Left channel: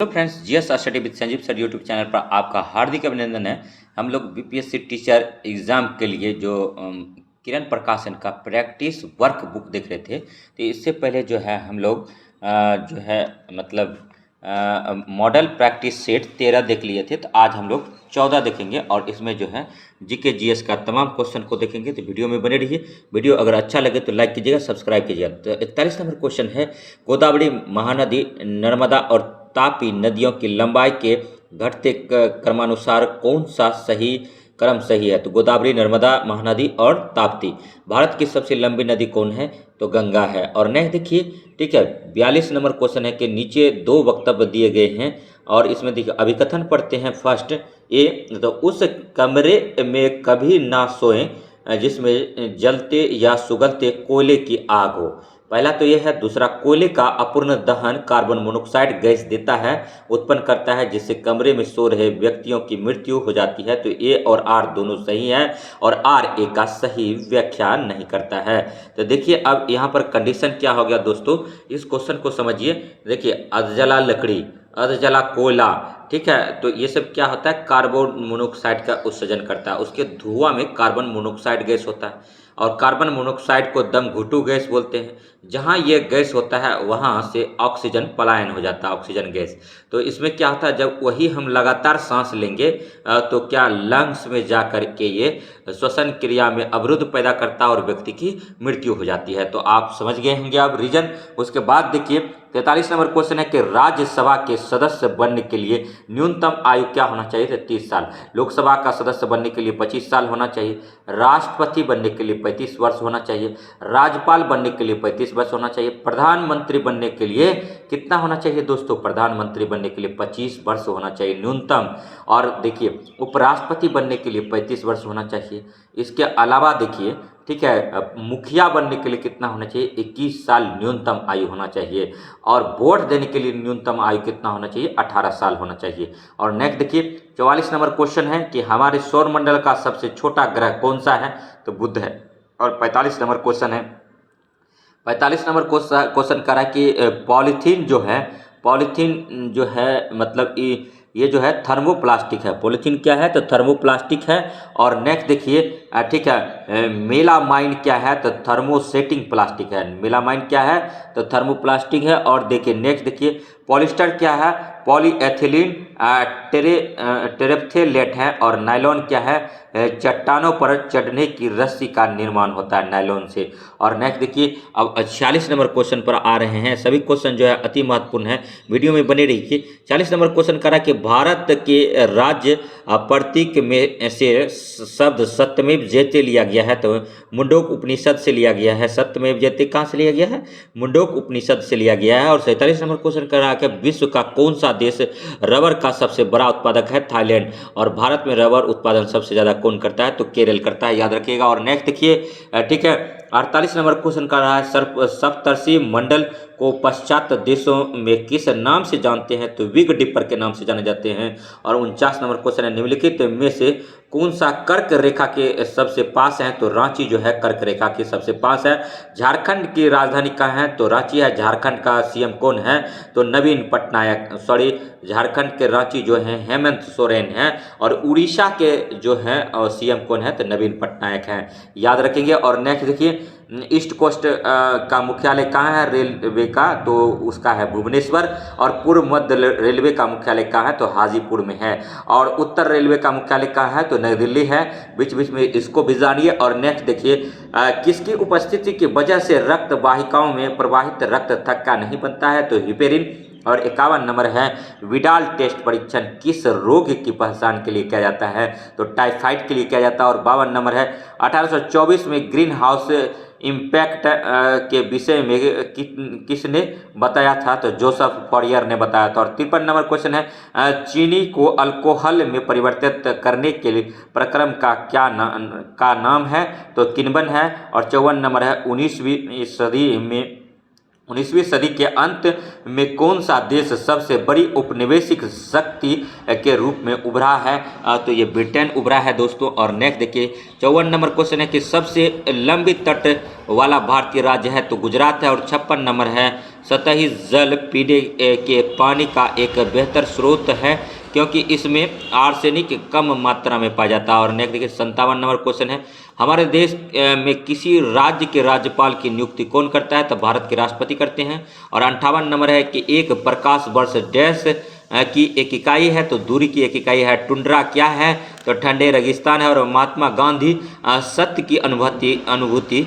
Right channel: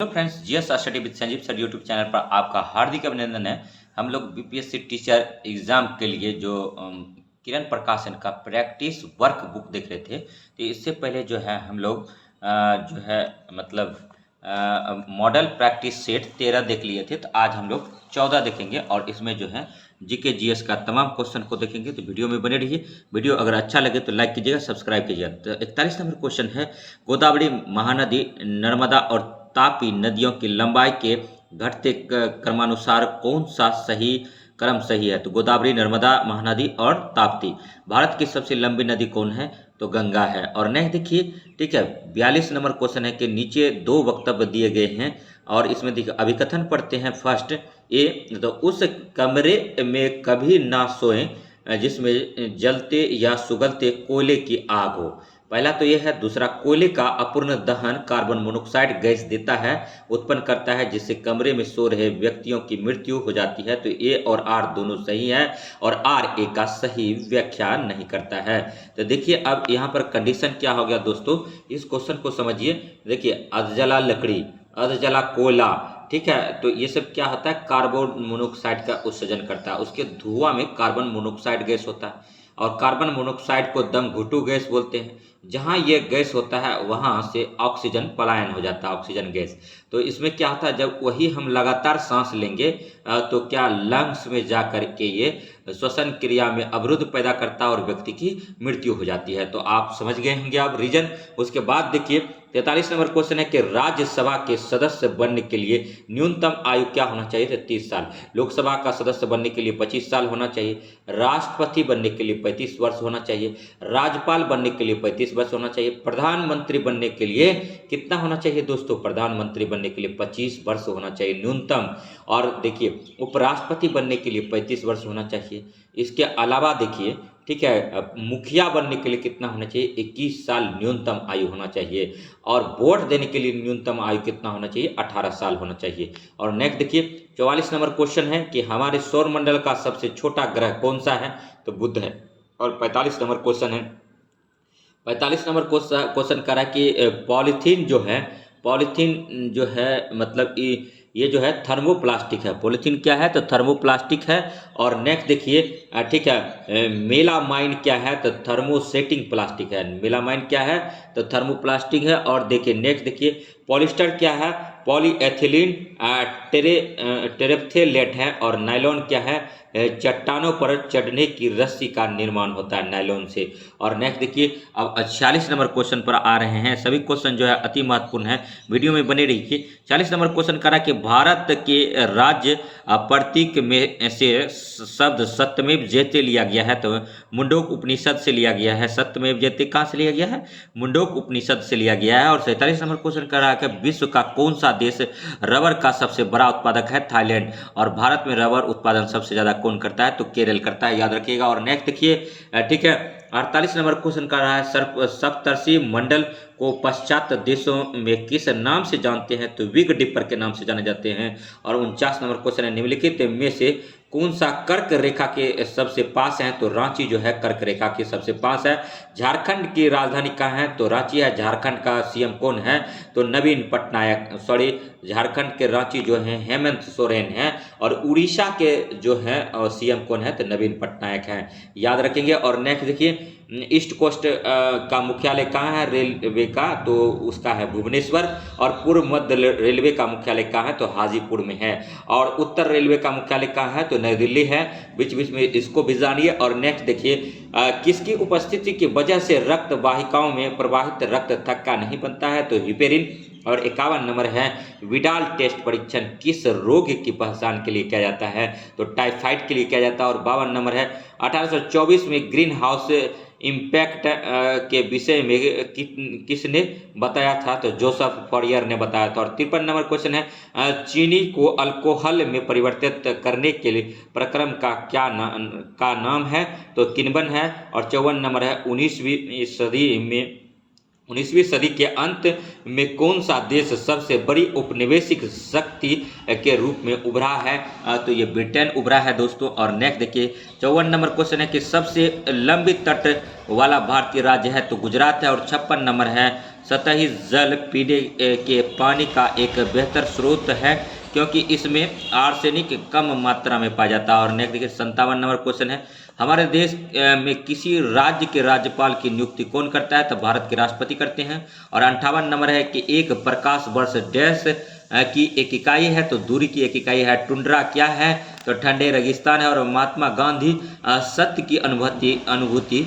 Hello friends, GS study with Sanjeev sir YouTube channel पर आपका हार्दिक अभिनंदन है। हम लोग बीपीएससी टीचर एग्ज़ाम के लिए जो किरण प्रकाशन का प्रैक्टिस वर्क बुक देख रहे थे, तो इससे पहले जो है हम लोग जो है मतलब मॉडल प्रैक्टिस सेट 13 देख लिए थे। तो आज हम लोग 14 देखेंगे और इसमें जो है जीके जीएस का तमाम क्वेश्चन को देखेंगे। तो वीडियो में बने रहिए। वीडियो अगर अच्छा लगे तो लाइक कीजिएगा, सब्सक्राइब कीजिएगा। तो 41 नंबर क्वेश्चन है, गोदावरी, महानदी, नर्मदा और तापी नदियों की लंबाई के घटते क्रमानुसार कौन सा सही क्रम सही है? तो गोदावरी, नर्मदा, महानदी और ताप्ती। भारत की सबसे लंबी नदी कौन है? तो गंगा है। और नेक्स्ट देखिए, ठीक है, 42 नंबर क्वेश्चन है कि नीचे दो वक्तव्य दिए गए हैं और इसमें देखिए अभिकथन पढ़ते हैं। फर्स्ट ए, तो उस कमरे में कभी ना सोएं जिसमें जलते या सुगलते कोयले की आग हो। पहला तो यह है। दूसरा, कोयले का अपूर्ण दहन कार्बन मोनोक्साइड गैस देता है, उत्पन्न करता है, जिससे कमरे में सो रहे व्यक्तियों की मृत्यु हो जाती है। तो ए और आर दोनों सही है और आर ए का सही व्याख्या नहीं करता है। तो देखिए अब यहाँ पर कंडीशन क्या हो गया दोस्तों, इस क्वेश्चन को समझिए। देखिए, अधजला लकड़ी, अधजला कोयला, ठीक है, तो ये सब क्या होता है? कार्बन मोनोक्साइड का उत्सर्जन करता है। उसके धुआं में कार्बन मोनोक्साइड गैस होता है और कार्बन मोनोक्साइड को दम घुटू गैस बोलते हैं। जहाँ ये गैस होता है वहाँ से ऑक्सीजन पलायन हो जाता है, ऑक्सीजन गैस। तो इसमें क्या होता है, जब वही हम लगातार सांस लेंगे तो क्या लंग्स में जा कर के ये श्वसन क्रिया में अवरुद्ध पैदा करता है और व्यक्ति की मृत्यु हो जाती है। तो आप समझ गए होंगे अब रीजन। उसके बाद देखिए 43 नंबर क्वेश्चन है कि राज्यसभा के सदस्य बनने के लिए न्यूनतम आयु क्या होना चाहिए? तो 30 साल। लोकसभा का सदस्य बनने के लिए 25 साल होना चाहिए। राष्ट्रपति बनने के लिए 35 वर्ष होना चाहिए। राज्यपाल बनने के लिए 35 वर्ष होना चाहिए। प्रधानमंत्री बनने के लिए कितना होना चाहिए दोस्तों? प्रधानमंत्री बनने के लिए 25 वर्ष होना चाहिए न्यूनतम। और देखिए, उपराष्ट्रपति बनने के लिए 35 वर्ष होना चाहिए। इसके अलावा देखिए, ठीक है, मुखिया बनने के लिए कितना होना चाहिए? 21 साल न्यूनतम आयु होना चाहिए। और वोट देने के लिए न्यूनतम आयु कितना होना चाहिए? 18 साल होना चाहिए। और नेक्स्ट देखिए 44 नंबर क्वेश्चन है कि हमारे सौर मंडल का सबसे छोटा ग्रह कौन सा है? तो बुध है। और 45 नंबर क्वेश्चन है, 45 नंबर क्वेश्चन करा कि पॉलीथीन जो है, पॉलीथीन जो है मतलब ये जो है थर्मोप्लास्टिक है। पॉलीथीन क्या है? तो थर्मोप्लास्टिक है। और नेक्स्ट देखिए, ठीक है, मेलामाइन क्या है? तो थर्मोसेटिंग प्लास्टिक है। मेलामाइन क्या है? तो थर्मोप्लास्टिक है। और देखिए नेक्स्ट देखिए, पॉलिस्टर क्या है? पॉलीएथिलीन टेरेप्थेलेट है। और नायलॉन क्या है? चट्टानों पर चढ़ने की रस्सी का निर्माण होता है नायलॉन से। और नेक्स्ट देखिए, अब 46 नंबर क्वेश्चन पर आ रहे हैं। सभी क्वेश्चन जो है अति महत्वपूर्ण है, वीडियो में बने रहिए। 40 नंबर क्वेश्चन करा कि भारत के राज्य प्रतीक में से शब्द सत्यमेव जयते लिया गया है। तो मुंडोक उपनिषद से लिया गया है। सत्यमेव जयते कहाँ से लिया गया है? मुंडोक उपनिषद से लिया गया है। और 47 नंबर क्वेश्चन करा कि विश्व का कौन सा देश रबर का सबसे बड़ा उत्पादक है? थाईलैंड। और भारत में रबर उत्पादन सबसे ज्यादा कौन करता है? तो केरल करता है, याद रखिएगा। और नेक्स्ट देखिए, ठीक है, 48 नंबर क्वेश्चन कर रहा है, सप्तर्षि मंडल को पाश्चात्य देशों में किस नाम से जानते हैं? तो विग डिपर के नाम से जाने जाते हैं। और 49 नंबर क्वेश्चन है, निम्नलिखित में से कौन सा कर्क रेखा के सबसे पास है? तो रांची जो है कर्क रेखा के सबसे पास है। झारखंड की राजधानी कहाँ है? तो रांची है। झारखंड का सीएम कौन है? तो नवीन पटनायक। सॉरी, झारखंड के रांची जो है हेमंत सोरेन है। और उड़ीसा के जो है सीएम कौन है? तो नवीन पटनायक हैं, याद रखेंगे। और नेक्स्ट देखिए, ईस्ट कोस्ट का मुख्यालय कहाँ है रेलवे का? तो उसका है भुवनेश्वर। और पूर्व मध्य रेलवे का मुख्यालय कहाँ है? तो हाजीपुर में है। और उत्तर रेलवे का मुख्यालय कहाँ है? तो नई दिल्ली है। बीच बीच में इसको भी जानिए। और नेक्स्ट देखिए, किसकी उपस्थिति की वजह से रक्त वाहिकाओं में प्रवाहित रक्त थक्का नहीं बनता है? तो हिपेरिन। और 51 नंबर है, विडाल टेस्ट परीक्षण किस रोग की पहचान के लिए किया जाता है? तो टाइफाइड के लिए किया जाता है। और 52 नंबर है, 1824 में ग्रीन हाउस इम्पैक्ट के विषय में किसने बताया था? तो जोसेफ फॉरियर ने बताया था। और 53 नंबर क्वेश्चन है, चीनी को अल्कोहल में परिवर्तित करने के लिए प्रक्रम का नाम है? तो किण्वन है। और 54 नंबर है, 19वीं सदी में 19वीं सदी के अंत में कौन सा देश सबसे बड़ी औपनिवेशिक शक्ति के रूप में उभरा है? तो ये ब्रिटेन उभरा है दोस्तों। और नेक्स्ट देखिए 54 नंबर क्वेश्चन है कि सबसे लंबी तट वाला भारतीय राज्य है तो गुजरात है। और 56 नंबर है सतही जल पीने के पानी का एक बेहतर स्रोत है क्योंकि इसमें आर्सेनिक कम मात्रा में पाया जाता है। और नेक्स्ट देखिए 57 नंबर क्वेश्चन है हमारे देश में किसी राज्य के राज्यपाल की नियुक्ति कौन करता है? तो भारत के राष्ट्रपति करते हैं। और 58 नंबर है कि एक प्रकाश वर्ष डैश की एक इकाई है तो दूरी की एक इकाई है। टुंड्रा क्या है? तो ठंडे रेगिस्तान है। और महात्मा गांधी सत्य की अनुभूति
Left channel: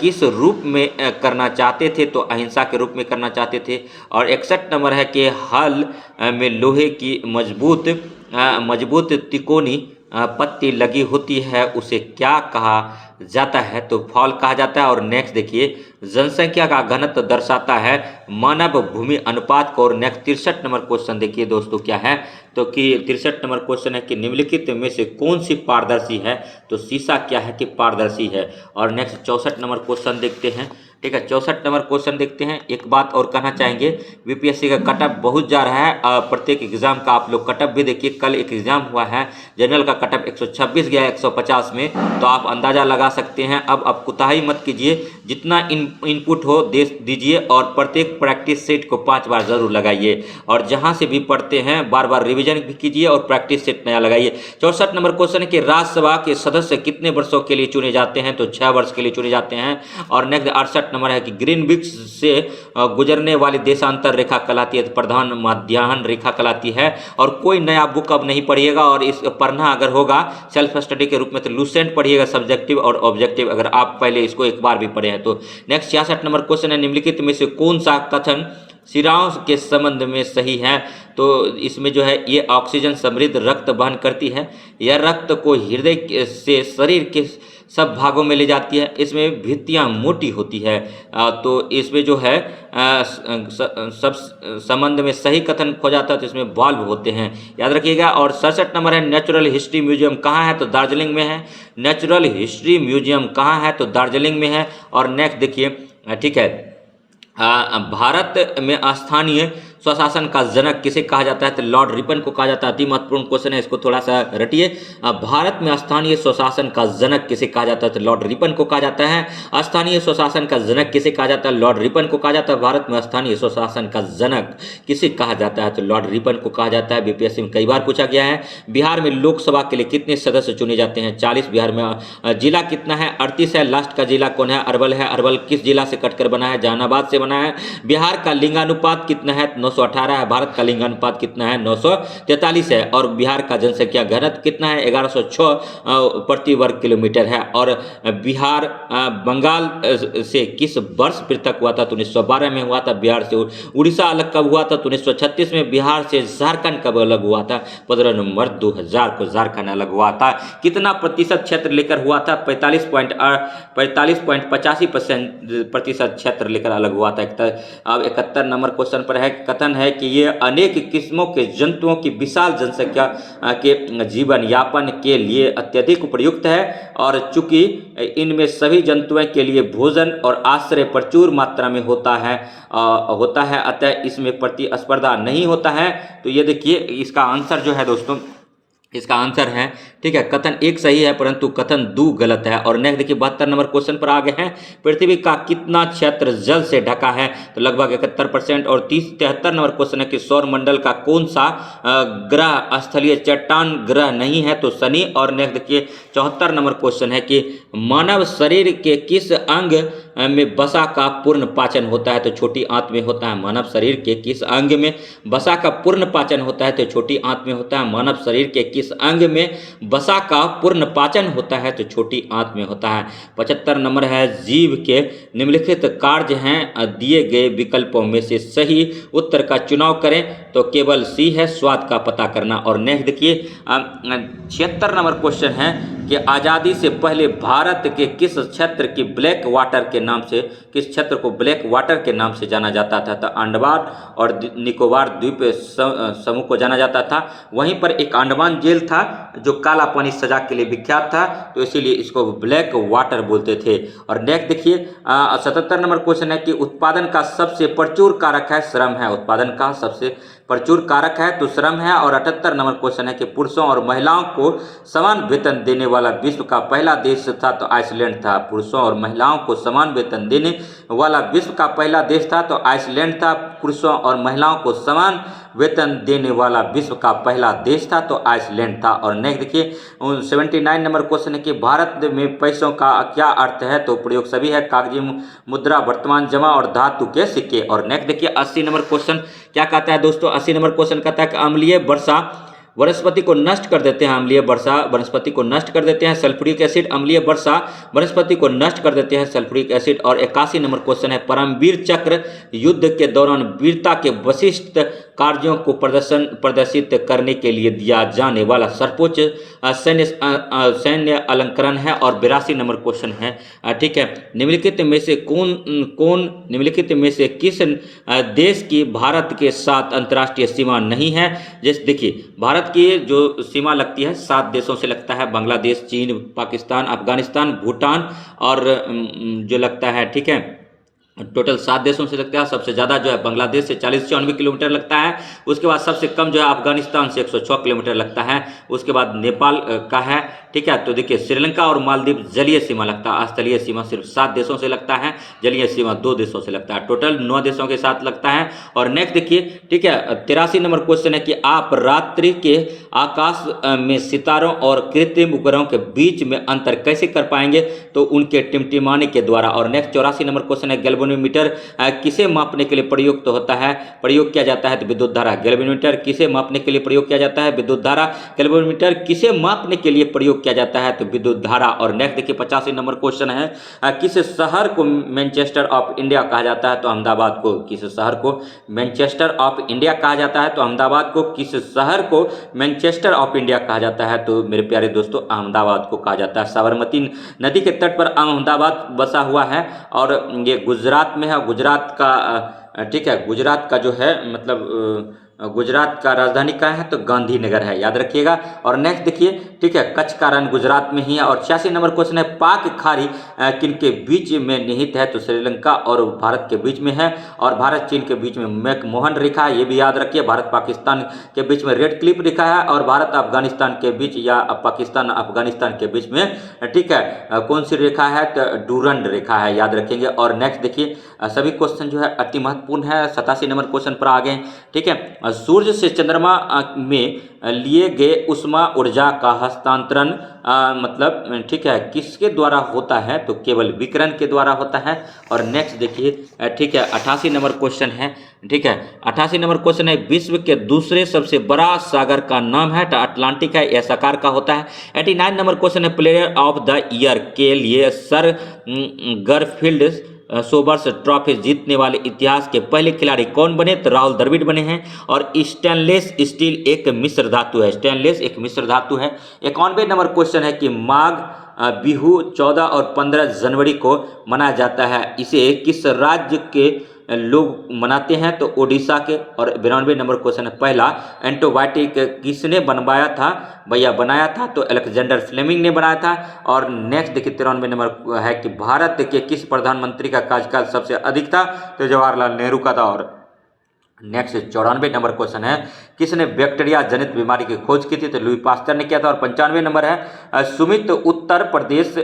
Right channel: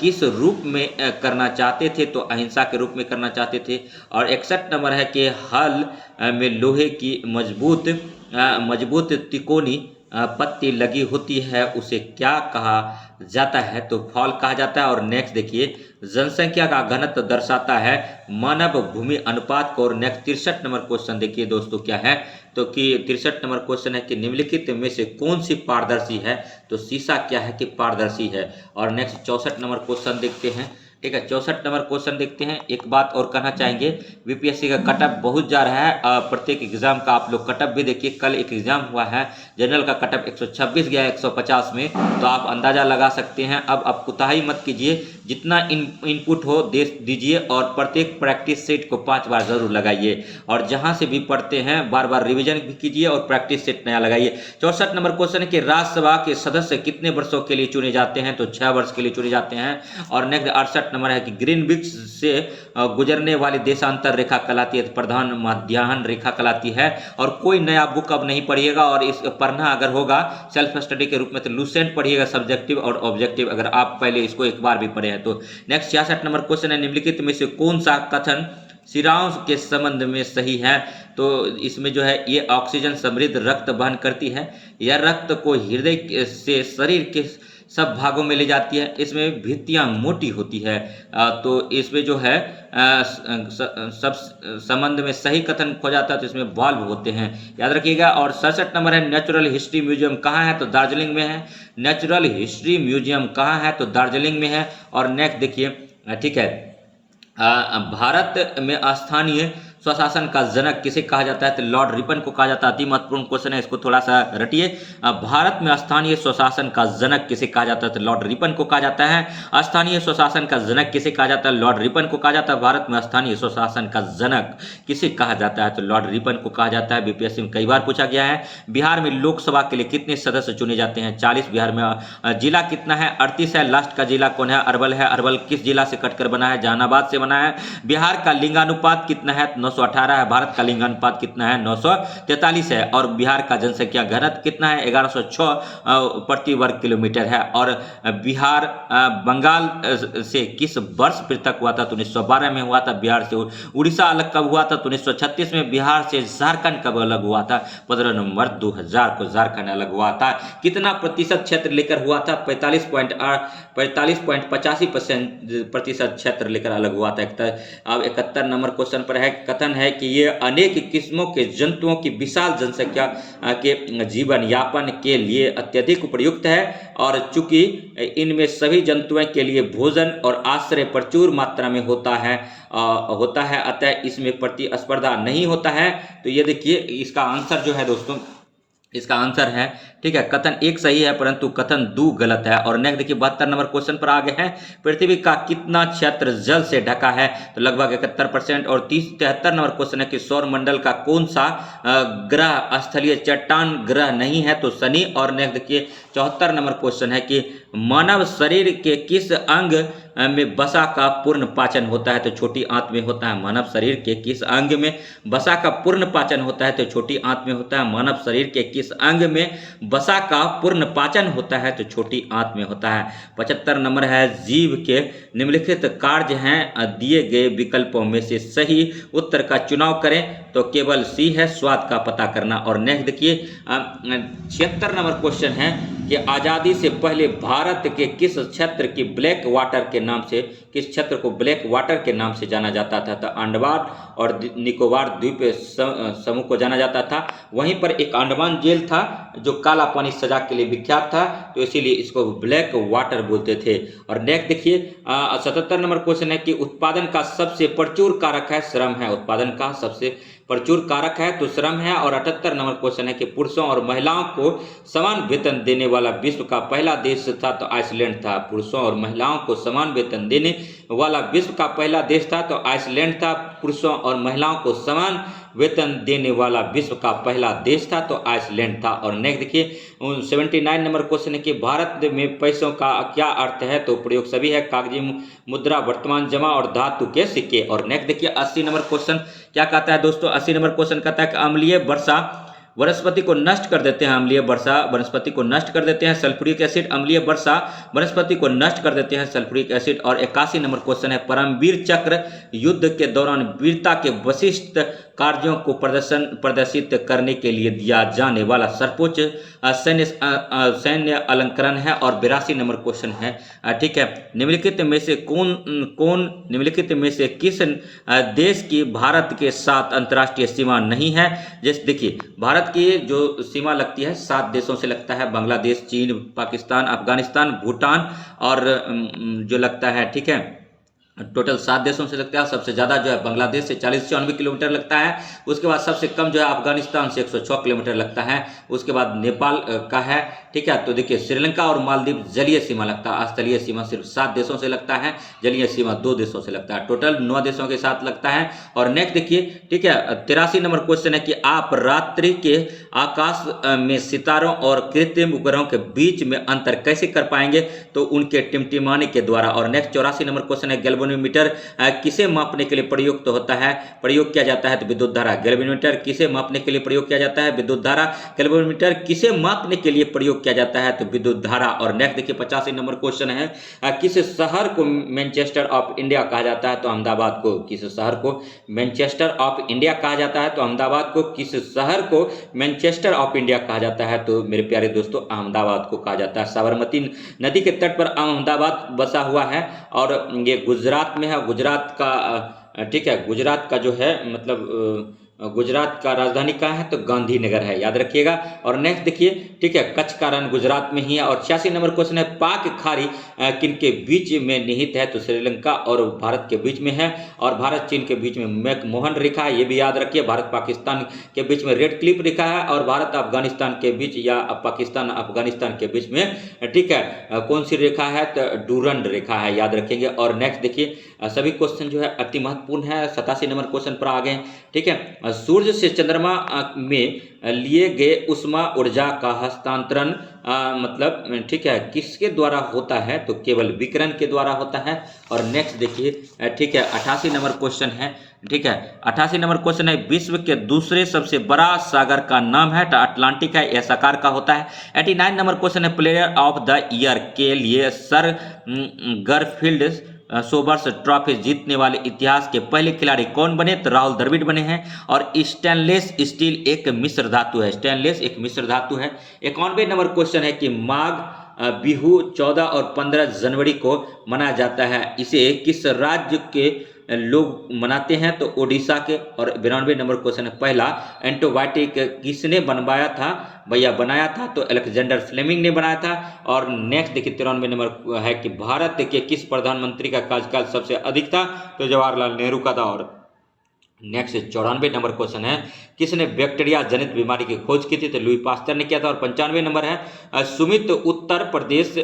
किस रूप में करना चाहते थे? तो अहिंसा के रूप में करना चाहते थे। और 61 नंबर है कि हल में लोहे की मजबूत तिकोनी पत्ती लगी होती है उसे क्या कहा जाता है? तो फॉल कहा जाता है। और नेक्स्ट देखिए जनसंख्या का घनत्व दर्शाता है मानव भूमि अनुपात को। और नेक्स्ट 63 नंबर क्वेश्चन देखिए दोस्तों क्या है? तो कि 63 नंबर क्वेश्चन है कि निम्नलिखित में से कौन सी पारदर्शी है? तो शीशा क्या है कि पारदर्शी है। और नेक्स्ट 64 नंबर क्वेश्चन देखते हैं। ठीक है 64 नंबर क्वेश्चन देखते हैं। एक बात और कहना चाहेंगे बीपीएससी का कटअप बहुत जा रहा है। प्रत्येक एग्जाम का आप लोग कटअप भी देखिए। कल एक एग्जाम हुआ है जनरल का कटअप 126 गया 150 में, तो आप अंदाज़ा लगा सकते हैं। अब आप कुताही मत कीजिए, जितना इनपुट हो दे दीजिए और प्रत्येक प्रैक्टिस सेट को 5 बार ज़रूर लगाइए। और जहाँ से भी पढ़ते हैं बार बार रिविजन भी कीजिए और प्रैक्टिस सेट नया लगाइए। 64 नंबर क्वेश्चन है कि राज्यसभा के सदस्य कितने वर्षों के लिए चुने जाते हैं? तो 6 वर्ष के लिए चुने जाते हैं। और नेक्स्ट 68 नंबर है कि ग्रीनविच से गुजरने वाली देशांतर रेखा कहलाती है, प्रधान मध्याह्न रेखा कहलाती है। और कोई नया बुक अब नहीं पढ़िएगा, और इस पढ़ना अगर होगा सेल्फ स्टडी के रूप में तो लूसेंट पढ़िएगा, सब्जेक्टिव और ऑब्जेक्टिव, अगर आप पहले इसको एक बार भी पढ़े हैं तो। नेक्स्ट 66 नंबर क्वेश्चन है निम्नलिखित में से कौन सा कथन शिराओं के संबंध में सही है? तो इसमें जो है ये ऑक्सीजन समृद्ध रक्त वहन करती है, यह रक्त को हृदय से शरीर के सब भागों में ले जाती है, इसमें भित्तियाँ मोटी होती है। तो इसमें जो है सब संबंध में सही कथन खो जाता है तो इसमें वाल्व होते हैं, याद रखिएगा। और 67 नंबर है नेचुरल हिस्ट्री म्यूजियम कहाँ है? तो दार्जिलिंग में है। नेचुरल हिस्ट्री म्यूजियम कहाँ है? तो दार्जिलिंग में है। और नेक्स्ट देखिए ठीक है भारत में स्थानीय स्वशासन का जनक किसे कहा जाता है? तो लॉर्ड रिपन को कहा जाता है। अति महत्वपूर्ण क्वेश्चन है, इसको थोड़ा सा रटिए। भारत में स्थानीय स्वशासन का जनक किसे कहा जाता है? तो लॉर्ड रिपन को कहा जाता है। स्थानीय स्वशासन का जनक किसे कहा जाता है? लॉर्ड रिपन को कहा जाता है। भारत में स्थानीय स्वशासन का जनक किसे कहा जाता है? तो लॉर्ड रिपन को कहा जाता है। बीपीएससी में कई बार पूछा गया है। बिहार में लोकसभा के लिए कितने सदस्य चुने जाते हैं? 40। बिहार में जिला कितना है? 38 है। लास्ट का जिला कौन है? अरवल है। अरवल किस जिला से कटकर बना है? जहानाबाद से बना है। बिहार का लिंगानुपात कितना है? 918 है। भारत का लिंगानुपात कितना है? 943 है। और बिहार का जनसंख्या घनत्व कितना है? 1106 प्रति वर्ग किलोमीटर है। और बिहार बंगाल से किस वर्ष पृथक हुआ था? तो 1912 में हुआ था। बिहार से उड़ीसा अलग कब हुआ था? तो 1936 में। बिहार से झारखंड कब अलग हुआ था? 15 नवंबर 2000 को झारखंड अलग हुआ था। कितना प्रतिशत क्षेत्र लेकर हुआ था? 45.85% क्षेत्र लेकर अलग हुआ था। अब 71 नंबर क्वेश्चन पर है, कथन है कि ये अनेक किस्मों के जंतुओं की विशाल जनसंख्या के जीवन यापन के लिए अत्यधिक उपयुक्त है। और चूंकि इनमें सभी जंतुओं के लिए भोजन और आश्रय प्रचुर मात्रा में होता है अतः इसमें प्रतिस्पर्धा नहीं होता है। तो ये देखिए इसका आंसर जो है दोस्तों, इसका आंसर है ठीक है कथन 1 सही है परंतु कथन 2 गलत है। और नेक्स्ट देखिए 72 नंबर क्वेश्चन पर आगे हैं, पृथ्वी का कितना क्षेत्र जल से ढका है? तो लगभग 71%। और 73 नंबर क्वेश्चन है कि सौर मंडल का कौन सा ग्रह स्थलीय चट्टान ग्रह नहीं है? तो शनि। और नेक्स्ट देखिए 74 नंबर क्वेश्चन है कि मानव शरीर के किस अंग में वसा का पूर्ण पाचन होता है? तो छोटी आंत में होता है। मानव शरीर के किस अंग में वसा का पूर्ण पाचन होता है? तो छोटी आंत में होता है। मानव शरीर के किस अंग में वसा का पूर्ण पाचन होता है? तो छोटी आंत में होता है। 75 नंबर है, जीव के निम्नलिखित कार्य हैं दिए गए विकल्पों में से सही उत्तर का चुनाव करें? तो केवल सी है, स्वाद का पता करना। और नेक्स्ट देखिए 76 नंबर क्वेश्चन है कि आज़ादी से पहले भारत के किस क्षेत्र की ब्लैक वाटर के नाम से, किस क्षेत्र को ब्लैक वाटर के नाम से जाना जाता था? तो अंडमान और निकोबार द्वीप समूह को जाना जाता था। वहीं पर एक अंडमान जेल था जो काला काला पानी सजा के लिए विख्यात था, तो इसीलिए इसको ब्लैक वाटर बोलते थे। और नेक्स्ट देखिए 77 नंबर क्वेश्चन है कि उत्पादन का सबसे प्रचुर कारक है श्रम है। उत्पादन का सबसे प्रचुर कारक है तो श्रम है। और 78 नंबर क्वेश्चन है कि पुरुषों और महिलाओं को समान वेतन देने वाला विश्व का पहला देश था तो आइसलैंड था। पुरुषों और महिलाओं को समान वेतन देने वाला विश्व का पहला देश था तो आइसलैंड था। पुरुषों और महिलाओं को समान वेतन देने वाला विश्व का पहला देश था तो आइसलैंड था। और नेक्स्ट देखिए 79 नंबर क्वेश्चन है कि भारत में पैसों का क्या अर्थ है, तो प्रयोग सभी है, कागजी मुद्रा, वर्तमान जमा और धातु के सिक्के। और नेक्स्ट देखिए 80 नंबर क्वेश्चन क्या कहता है दोस्तों, 80 नंबर क्वेश्चन कहता है कि अम्लीय वर्षा वनस्पति को नष्ट कर देते हैं। अम्लीय वर्षा वनस्पति को नष्ट कर देते हैं। सल्फ्यूरिक एसिड अम्लीय वर्षा वनस्पति को नष्ट कर देते हैं, सल्फ्यूरिक एसिड। और 81 नंबर क्वेश्चन है परमवीर चक्र युद्ध के दौरान वीरता के विशिष्ट कार्यों को प्रदर्शित करने के लिए दिया जाने वाला सर्वोच्च सैन्य अलंकरण है। और 82 नंबर क्वेश्चन है ठीक है, निम्नलिखित में से निम्नलिखित में से किस देश की भारत के साथ अंतर्राष्ट्रीय सीमा नहीं है। जैसे देखिए भारत की जो सीमा लगती है 7 देशों से लगता है, बांग्लादेश, चीन, पाकिस्तान, अफगानिस्तान, भूटान और जो लगता है ठीक है टोटल 7 देशों से लगता है। सबसे ज़्यादा जो है बांग्लादेश से 40-94 किलोमीटर लगता है। उसके बाद सबसे कम जो है अफगानिस्तान से 106 किलोमीटर लगता है। उसके बाद नेपाल का है ठीक है। तो देखिए श्रीलंका और मालदीव जलीय सीमा लगता है, स्थलीय सीमा सिर्फ 7 देशों से लगता है, जलीय सीमा 2 देशों से लगता है, टोटल 9 देशों के साथ लगता है। और नेक्स्ट देखिए ठीक है 83 नंबर क्वेश्चन है कि आप रात्रि के आकाश में सितारों और कृत्रिम उपग्रहों के बीच में अंतर कैसे कर पाएंगे, तो उनके टिमटिमाने के द्वारा। और नेक्स्ट 84 नंबर क्वेश्चन है गैल्वेनोमीटर किसे मापने के लिए प्रयुक्त होता है, प्रयोग किया जाता है, तो विद्युत धारा। गैल्वेनोमीटर किसे मापने के लिए प्रयोग किया जाता है, विद्युत धारा। गैल्वेनोमीटर किसे मापने के लिए प्रयोग किया जाता है, तो विद्युत धारा। और नेक्स्ट देखिए 85 नंबर क्वेश्चन है किस शहर को मैनचेस्टर ऑफ इंडिया कहा जाता है, तो अहमदाबाद को। किस शहर को मैनचेस्टर ऑफ इंडिया कहा जाता है, तो अहमदाबाद को। किस शहर को मैनचेस्टर ऑफ इंडिया कहा जाता है, तो मेरे प्यारे दोस्तों अहमदाबाद को कहा जाता है। साबरमती नदी के तट पर अहमदाबाद बसा हुआ है और ये गुजरात में है। गुजरात का ठीक है, गुजरात का जो है मतलब गुजरात का राजधानी कहाँ है, तो गांधीनगर है, याद रखिएगा। और नेक्स्ट देखिए ठीक है कच्छ का रण गुजरात में ही है। और 86 नंबर क्वेश्चन है पाक खाड़ी किन के बीच में निहित है, तो श्रीलंका और भारत के बीच में है। और भारत चीन के बीच में मैकमोहन रेखा है, ये भी याद रखिए। भारत पाकिस्तान के बीच में रेड क्लिफ रेखा है। और भारत अफगानिस्तान के बीच या पाकिस्तान अफगानिस्तान के बीच में ठीक है कौन सी रेखा है, तो डूरंड रेखा है, याद रखेंगे। और नेक्स्ट देखिए सभी क्वेश्चन जो है अति महत्वपूर्ण है। 87 नंबर क्वेश्चन पर आ गए ठीक है। सूर्य से चंद्रमा में लिए गए उष्मा ऊर्जा का हस्तांतरण मतलब ठीक है किसके द्वारा होता है, तो केवल विकिरण के द्वारा होता है। और नेक्स्ट देखिए ठीक है 88 नंबर क्वेश्चन है ठीक है। 88 नंबर क्वेश्चन है विश्व के दूसरे सबसे बड़ा सागर का नाम है, तो अटलांटिक है, यह साकार का होता है। 89 नंबर क्वेश्चन है प्लेयर ऑफ द ईयर के लिए सर गरफील्ड सोबर्स ट्रॉफी जीतने वाले इतिहास के पहले खिलाड़ी कौन बने, तो राहुल द्रविड़ बने हैं। और स्टेनलेस स्टील एक मिश्र धातु है, स्टेनलेस एक मिश्र धातु है। 91 नंबर क्वेश्चन है कि माघ बिहू 14 और 15 जनवरी को मनाया जाता है, इसे किस राज्य के लोग मनाते हैं, तो ओडिशा के। और 92 नंबर क्वेश्चन है पहला एंटीबायोटिक किसने बनवाया था, भैया बनाया था, तो अलेक्जेंडर फ्लेमिंग ने बनाया था। और नेक्स्ट देखिए 93 नंबर है कि भारत के किस प्रधानमंत्री का कार्यकाल सबसे अधिक था, तो जवाहरलाल नेहरू का था। और नेक्स्ट 94 नंबर क्वेश्चन है किसने बैक्टीरिया जनित बीमारी की खोज की थी, तो लुई पास्टर ने किया था। और 95 नंबर है सुमित उत्तर प्रदेश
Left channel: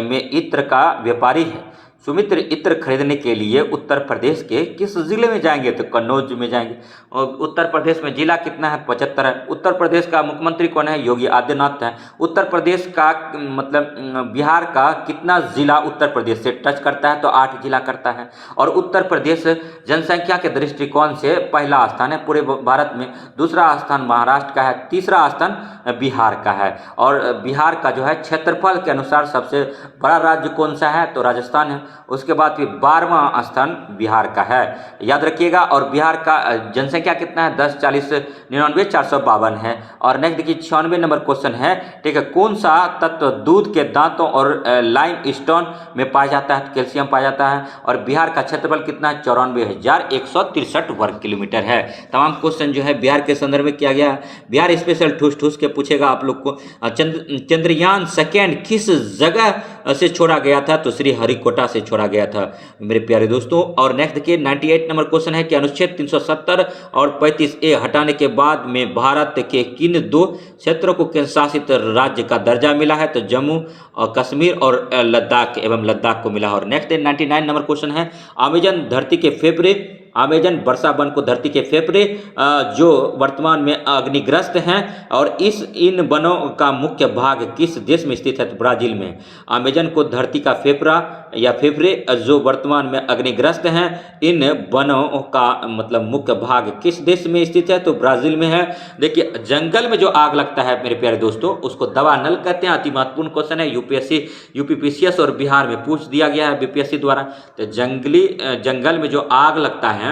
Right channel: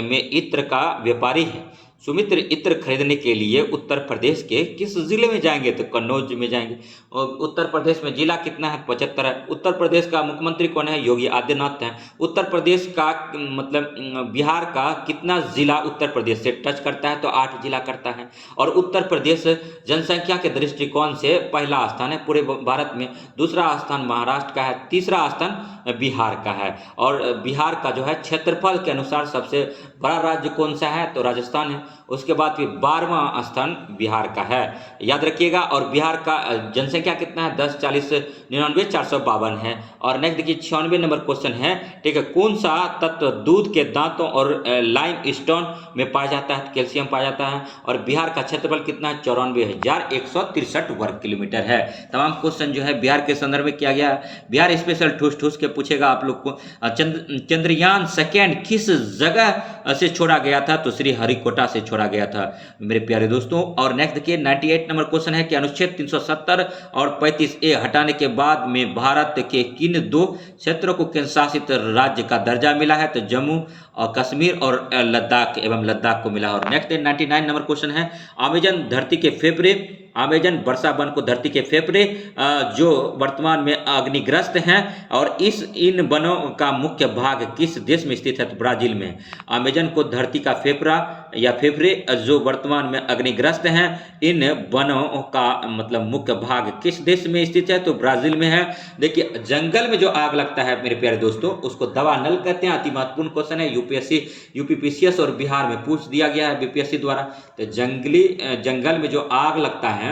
में इत्र का व्यापारी है। सुमित्र इत्र खरीदने के लिए उत्तर प्रदेश के किस जिले में जाएंगे, तो कन्नौज में जाएंगे। और उत्तर प्रदेश में जिला कितना है, 75 है। उत्तर प्रदेश का मुख्यमंत्री कौन है, योगी आदित्यनाथ है। उत्तर प्रदेश का मतलब बिहार का कितना जिला उत्तर प्रदेश से टच करता है, तो 8 जिला करता है। और उत्तर प्रदेश जनसंख्या के दृष्टिकोण से पहला स्थान है पूरे भारत में, दूसरा स्थान महाराष्ट्र का है, तीसरा स्थान बिहार का है। और बिहार का जो है क्षेत्रफल के अनुसार सबसे बड़ा राज्य कौन सा है, तो राजस्थान है। उसके बाद फिर 12वां स्थान बिहार का है, याद रखिएगा। और बिहार का जनसंख्या कितना है, 10,40,99,452 है। और नेक्स्ट देखिए 96 नंबर क्वेश्चन है, ठीक है, कौन सा तत्व दूध के दांतों और लाइम स्टोन में पाया जाता है, कैल्शियम पाया जाता है। और बिहार का क्षेत्रफल कितना है, 94,163 वर्ग किलोमीटर है। तमाम क्वेश्चन जो है बिहार के संदर्भ में किया गया है। बिहार स्पेशल ठूस ठूस के पूछेगा आप लोग को। चंद्रयान सेकेंड किस जगह से छोड़ा गया था, तो श्री हरिकोटा से छोड़ा गया था मेरे प्यारे दोस्तों। और नेक्स्ट देखिए 98 नंबर क्वेश्चन है कि अनुच्छेद 370 और 35A हटाने के बाद में भारत के किन दो क्षेत्रों को केंद्र शासित राज्य का दर्जा मिला है, तो जम्मू और कश्मीर और लद्दाख एवं लद्दाख को मिला। और नेक्स्ट 99 नंबर क्वेश्चन है, अमेजन धरती के फेफड़े, अमेजन वर्षा वन को धरती के फेफड़े जो वर्तमान में अग्निग्रस्त हैं, और इन वनों का मुख्य भाग किस देश में स्थित है, तो ब्राजील में। अमेजन को धरती का फेफड़ा या फेफड़े जो वर्तमान में अग्निग्रस्त हैं, इन वनों का मतलब मुख्य भाग किस देश में स्थित है, तो ब्राजील में है। देखिए जंगल में जो आग लगता है मेरे प्यारे दोस्तों, उसको दवा नल कहते हैं। अति महत्वपूर्ण क्वेश्चन है, यूपीएससी यूपीपीसीएस और बिहार में पूछ दिया गया है बीपीएससी द्वारा। तो जंगल में जो आग लगता है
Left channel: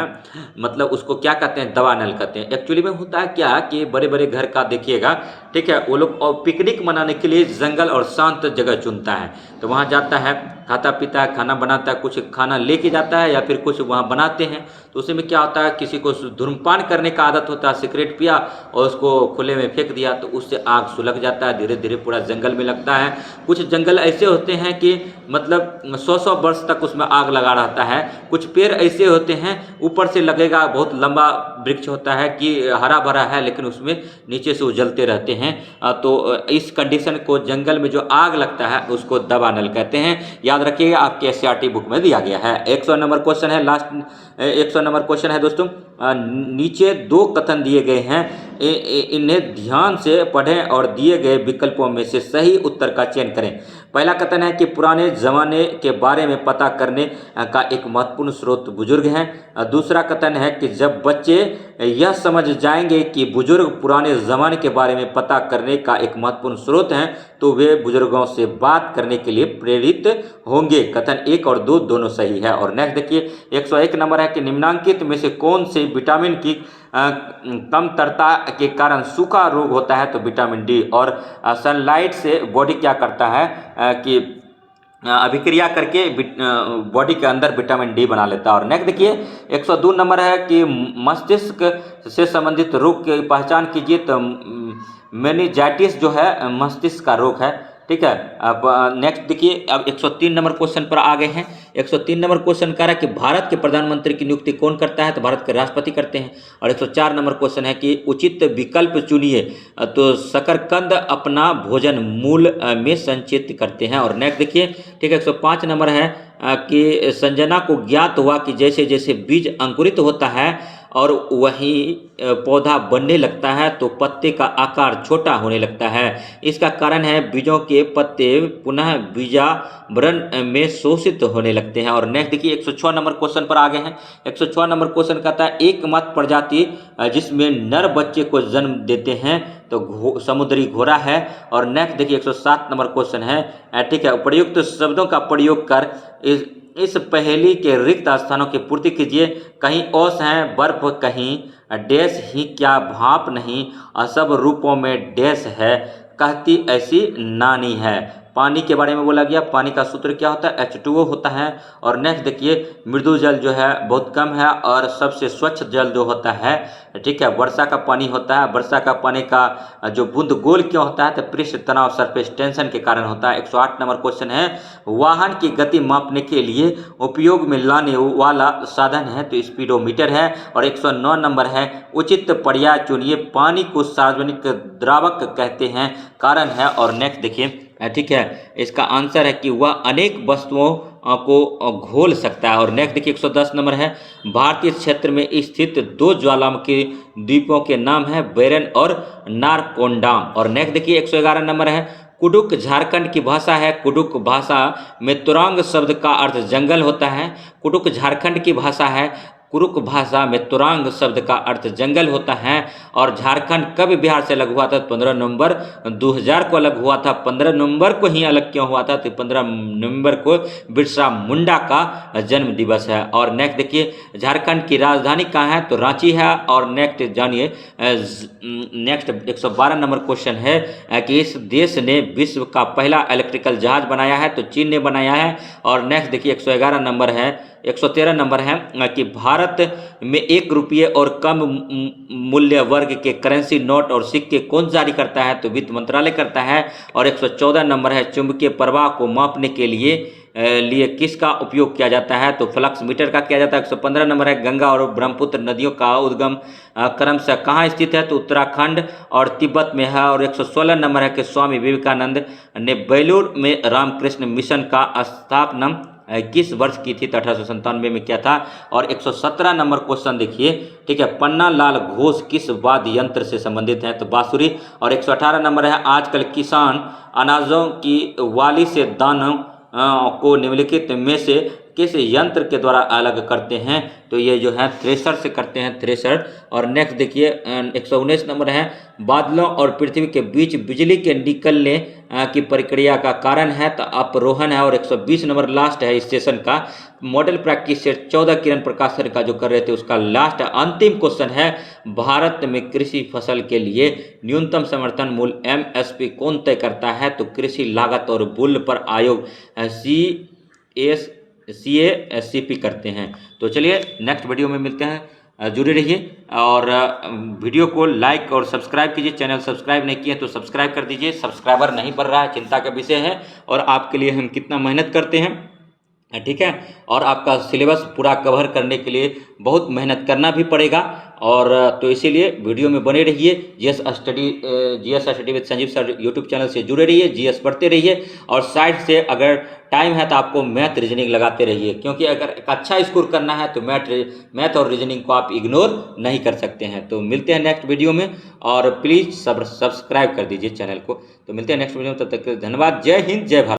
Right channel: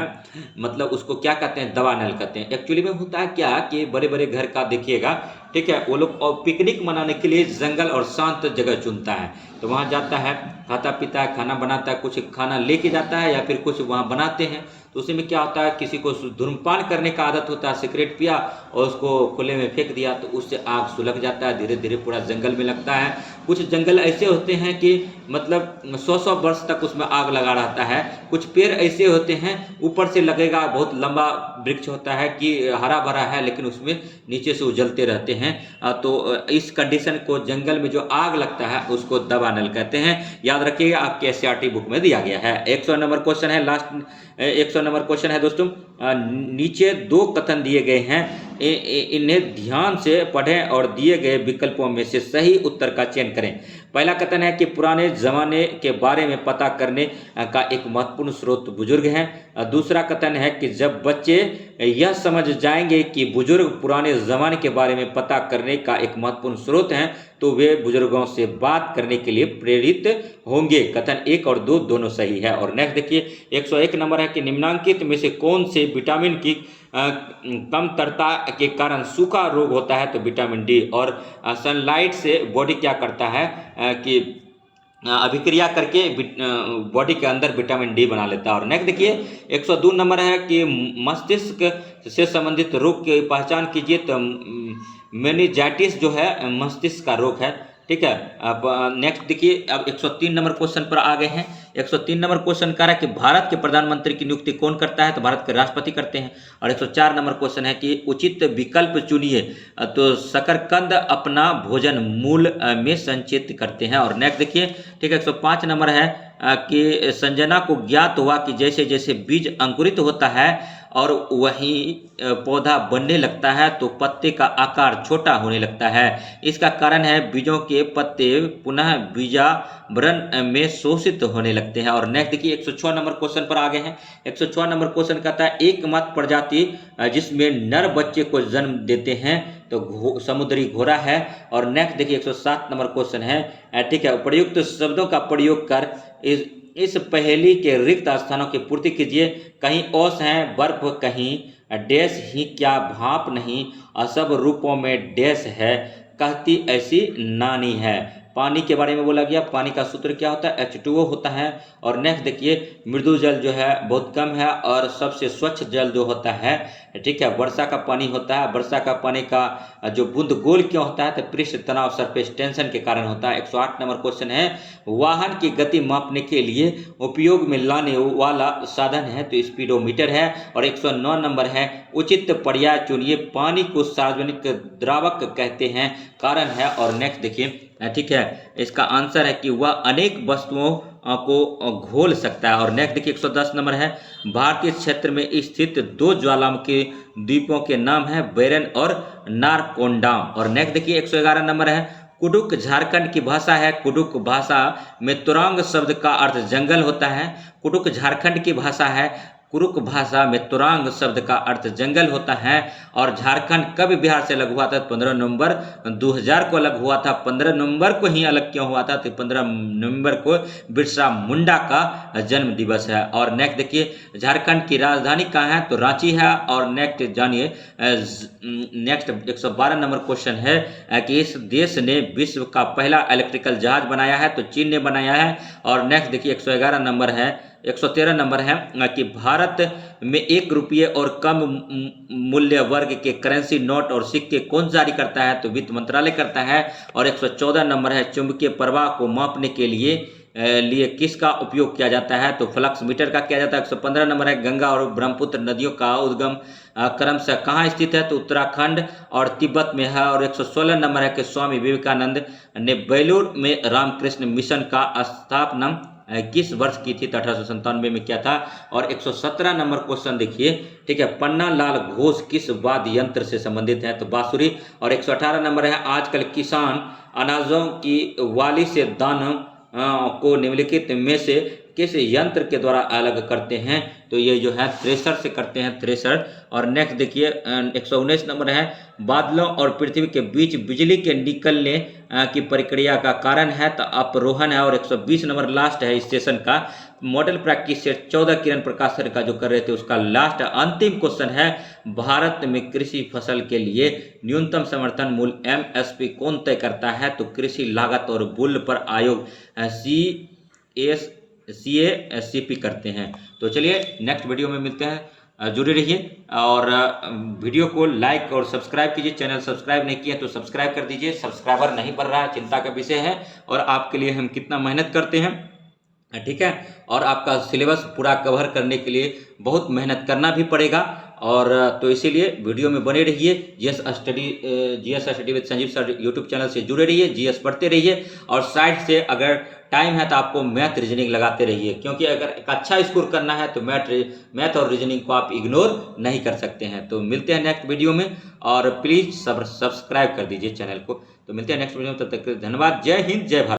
मतलब उसको क्या कहते हैं, दवा नल कहते हैं। एक्चुअली में होता है क्या कि बड़े बड़े घर का देखिएगा, ठीक है, वो लोग पिकनिक मनाने के लिए जंगल और शांत जगह चुनता है, तो वहाँ जाता है, खाता पीता है, खाना बनाता है, कुछ खाना लेके जाता है या फिर कुछ वहाँ बनाते हैं। तो उसी में क्या होता है, किसी को धूम्रपान करने का आदत होता है, सिगरेट पिया और उसको खुले में फेंक दिया, तो उससे आग सुलग जाता है, धीरे धीरे पूरा जंगल में लगता है। कुछ जंगल ऐसे होते हैं कि मतलब 100-100 वर्ष तक उसमें आग लगा रहता है। कुछ पेड़ ऐसे होते हैं ऊपर से लगेगा, बहुत लंबा वृक्ष होता है कि हरा भरा है, लेकिन उसमें नीचे से उजलते रहते हैं। तो इस कंडीशन को जंगल में जो आग लगता है उसको दवा नल कहते हैं। याद रखिएगा, आपके एससीईआरटी बुक में दिया गया है। 100 नंबर क्वेश्चन है, लास्ट 100 नंबर क्वेश्चन है दोस्तों। नीचे दो कथन दिए गए हैं, इन्हें ध्यान से पढ़ें और दिए गए विकल्पों में से सही उत्तर का चयन करें। पहला कथन है कि पुराने जमाने के बारे में पता करने का एक महत्वपूर्ण स्रोत बुजुर्ग हैं। दूसरा कथन है कि जब बच्चे यह समझ जाएंगे कि बुजुर्ग पुराने जमाने के बारे में पता करने का एक महत्वपूर्ण स्रोत हैं, तो वे बुजुर्गों से बात करने के लिए प्रेरित होंगे। कथन 1 और 2 दोनों सही है। और नेक्स्ट देखिए 101 नंबर है कि निम्नलिखित में से कौन से विटामिन की कमतरता के कारण सूखा रोग होता है, तो विटामिन डी। और सनलाइट से बॉडी क्या करता है कि अभिक्रिया करके बॉडी के अंदर विटामिन डी बना लेता है। और नेक्स्ट देखिए 102 नंबर है कि मस्तिष्क से संबंधित रोग की पहचान कीजिए, तो मेनिंजाइटिस जो है मस्तिष्क का रोग है, ठीक है। अब नेक्स्ट देखिए, अब 103 नंबर क्वेश्चन पर आ गए हैं। 103 नंबर क्वेश्चन कह रहा है कि भारत के प्रधानमंत्री की नियुक्ति कौन करता है, तो भारत के राष्ट्रपति करते हैं। और 104 नंबर क्वेश्चन है कि उचित विकल्प चुनिए, तो शकरकंद अपना भोजन मूल में संचित करते हैं। और नेक्स्ट देखिए, ठीक है, 105 नंबर है कि संजना को ज्ञात हुआ कि जैसे जैसे बीज अंकुरित होता है और वही पौधा बढ़ने लगता है, तो पत्ते का आकार छोटा होने लगता है। इसका कारण है बीजों के पत्ते पुनः बीजावरण में शोषित होने लगते हैं। और नेक्स्ट देखिए 106 नंबर क्वेश्चन पर आ गए हैं। 106 नंबर क्वेश्चन कहता है एकमात्र प्रजाति जिसमें नर बच्चे को जन्म देते हैं, तो समुद्री घोड़ा है। और नेक्स्ट देखिए 107 नंबर क्वेश्चन है, ठीक है, उपयुक्त शब्दों का प्रयोग कर इस पहेली के रिक्त स्थानों की पूर्ति कीजिए। कहीं ओस हैं, बर्फ कहीं डैश ही क्या भाप नहीं, सब रूपों में डैश है, कहती ऐसी नानी है। पानी के बारे में बोला गया, पानी का सूत्र क्या होता है, H2O होता है। और नेक्स्ट देखिए मृदु जल जो है बहुत कम है, और सबसे स्वच्छ जल जो होता है, ठीक है, वर्षा का पानी होता है। वर्षा का पानी का जो बूंद गोल क्यों होता है, तो पृष्ठ तनाव सरफेस टेंशन के कारण होता है। 108 नंबर क्वेश्चन है, वाहन की गति मापने के लिए उपयोग में लाने वाला साधन है, तो स्पीडोमीटर है। और 109 नंबर है, उचित पर्याय चुनिए, पानी को सार्वजनिक द्रावक कहते हैं, कारण है। और नेक्स्ट देखिए, ठीक है, इसका आंसर है कि वह अनेक वस्तुओं को घोल सकता है। और नेक्स्ट देखिए 110 नंबर है, भारतीय क्षेत्र में स्थित दो ज्वालामुखी द्वीपों के नाम है बैरन और नारकोंडाम। और नेक्स्ट देखिए 111 नंबर है, कुडुक झारखंड की भाषा है। कुडुक भाषा में तुरांग शब्द का अर्थ जंगल होता है। कुडुक झारखंड की भाषा है। कुरुक भाषा में तुरांग शब्द का अर्थ जंगल होता है। और झारखंड कब बिहार से अलग हुआ था? 15 नवंबर 2000 को अलग हुआ था। 15 नवंबर को ही अलग क्यों हुआ था? तो 15 नवंबर को बिरसा मुंडा का जन्म दिवस है। और नेक्स्ट देखिए, झारखंड की राजधानी कहाँ है? तो रांची है। और नेक्स्ट जानिए, नेक्स्ट 112 नंबर क्वेश्चन है कि इस देश ने विश्व का पहला इलेक्ट्रिकल जहाज बनाया है? तो चीन ने बनाया है। और नेक्स्ट देखिए 111 नंबर है, 113 नंबर है कि भारत में 1 रुपये और कम मूल्य वर्ग के करेंसी नोट और सिक्के कौन जारी करता है? तो वित्त मंत्रालय करता है। और 114 नंबर है, चुंबकीय प्रवाह को मापने के लिए किसका उपयोग किया जाता है? तो फ्लक्स मीटर का किया जाता है। 115 नंबर है, गंगा और ब्रह्मपुत्र नदियों का उद्गम क्रमशः कहाँ स्थित है? तो उत्तराखंड और तिब्बत में है। और 116 नंबर है कि स्वामी विवेकानंद ने बेलूर में रामकृष्ण मिशन का स्थापना किस वर्ष की थी? तो 1897 में किया था। और 117 नंबर क्वेश्चन देखिए, ठीक है, पन्ना लाल घोष किस वाद्य यंत्र से संबंधित है? तो बांसुरी। और 118 नंबर है, आजकल किसान अनाजों की वाली से दानों को निम्नलिखित में से किस यंत्र के द्वारा अलग करते हैं? तो ये जो है थ्रेशर से करते हैं, थ्रेशर। और नेक्स्ट देखिए 119 नंबर है, बादलों और पृथ्वी के बीच बिजली के निकलने की प्रक्रिया का कारण है? तो अपरोहन है। और 120 नंबर लास्ट है इस सेशन का मॉडल प्रैक्टिस सेट 14 किरण प्रकाश सर का जो कर रहे थे उसका लास्ट अंतिम क्वेश्चन है, भारत में कृषि फसल के लिए न्यूनतम समर्थन मूल्य MSP कौन तय करता है? तो कृषि लागत और मूल्य पर आयोग CACP करते हैं। तो चलिए नेक्स्ट वीडियो में मिलते हैं, जुड़े रहिए। और वीडियो को लाइक और सब्सक्राइब कीजिए। चैनल सब्सक्राइब नहीं किया तो सब्सक्राइब कर दीजिए। सब्सक्राइबर नहीं बढ़ रहा है, चिंता का विषय है। और आपके लिए हम कितना मेहनत करते हैं, ठीक है। और आपका सिलेबस पूरा कवर करने के लिए बहुत मेहनत करना भी पड़ेगा। और तो इसीलिए वीडियो में बने रहिए। GS study with Sanjeev sir YouTube channel से जुड़े रहिए, जीएस पढ़ते रहिए। और साइड से अगर टाइम है तो आपको मैथ रीजनिंग लगाते रहिए, क्योंकि अगर एक अच्छा स्कोर करना है तो मैथ और रीजनिंग को आप इग्नोर नहीं कर सकते हैं। तो मिलते हैं नेक्स्ट वीडियो में। और प्लीज़ सब्सक्राइब कर दीजिए चैनल को। तो मिलते हैं नेक्स्ट वीडियो में, तब तक धन्यवाद। जय हिंद, जय भारत।